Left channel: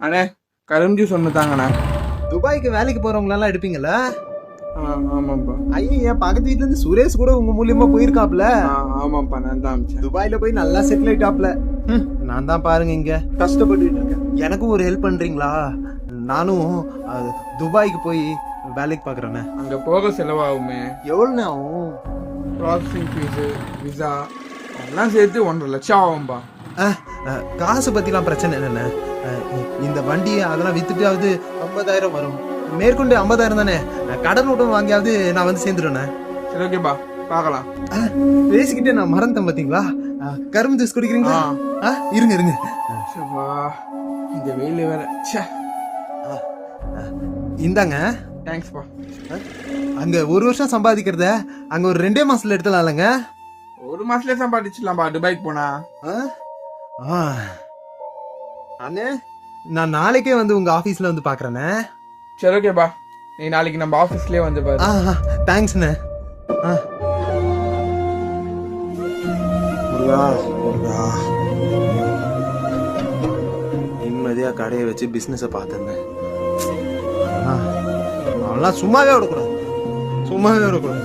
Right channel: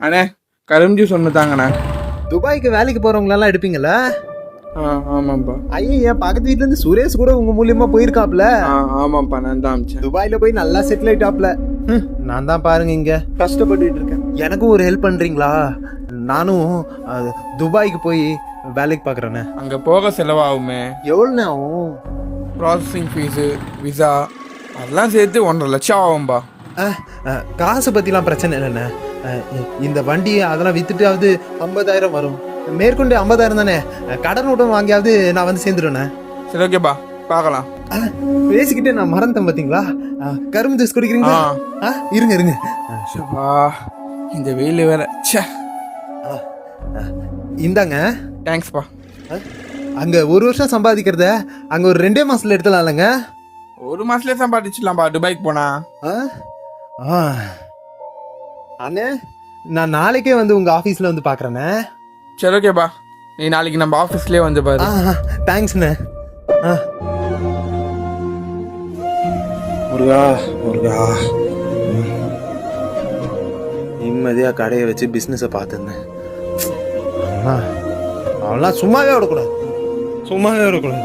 அண்ணே கரும் ஜூஸ் ஒன்று தாங்கண்ணே. துபாய்க்கு வேலைக்கு போறவங்களெல்லாம் எடுப்பீங்களா ஆ ஆமாம்ப்பா ஐயா பக்கத்து வீட்ல இருந்து சுரேஷ் கூட உங்க மூலியமா போயிருக்காப்ல? ஆ ஆமாம்ப்பா நான் தான் அமிச்சேன். துபாயில போய் நல்லா செட்டில் ஆயிட்டாப்ல. ஹம், நான் தான் பாருங்க இங்க. கஷ்டப்பட்டுட்டு இருக்கேன். எனக்கும் ஒரு ஹெல்ப் பண்றீங்களா? நானும் அஹ், துபாய்க்கு போய் வேலைக்கு பாக்குறேண்ணே. அங்கே போக செலவாகுமே. எவ்வளோண்ணே ஆகும்? ப்ராசஸிங் ஃபீஸு விசா எல்லாம் சேர்த்து ஒன்றரை லட்சம் ஆகும்பா. காசு பத்திலாம் பிரச்சனை இல்லைண்ணே. இந்த வண்டி அதெல்லாம் வித்துட்டாவது ஐம்பதாயிரம் வரும். மேற்கொண்டு ஐம்பதாயிரம் தானே? கடன் விட்டம் வாங்கியாவது நான் வந்து சேர்ந்துடுவேண்ணே சரி ஓகேப்பா பார்க்கலாம். பேசிக்கிட்டே நான் மறந்தேன் பாத்தீங்களா அஹ், கரும்பு ஜூஸ் குடிக்கிறீங்களா? ஆ. இருங்க இருங்க. இந்த வெயில் வேற அஹ், இந்தாங்க. தேங்க்ஸ்ப்பா அங்க ஒரு வருஷம் சம்பாதிக்கிறத அங்க ஒரு ரெண்டே மாசத்துல எடுத்துலாம்லங்க ஒரு மாசத்துலேயே சம்பாதிச்சிடலாம்ப்பா துபாய்க்கு போனா. அண்ணே நான் நாளைக்கே வந்து உங்க ஆபீஸ்ல வந்து பாக்குறேண்ணே. சரி ஓகேப்பா நீ நாளைக்கு நம்ம ஆஃபீஸ்லேயே வந்து பாரு. ஆ தேங்க்ஸ்ண்ணே ஆ. முருகா முருகா. நிம்மதியாக கடையை வச்சு பிஸ்னஸை பார்த்துருந்தேன். அவெல்லாம் சும்மாவே விடக்கூடாது சும்மாவே விடக்கூடாது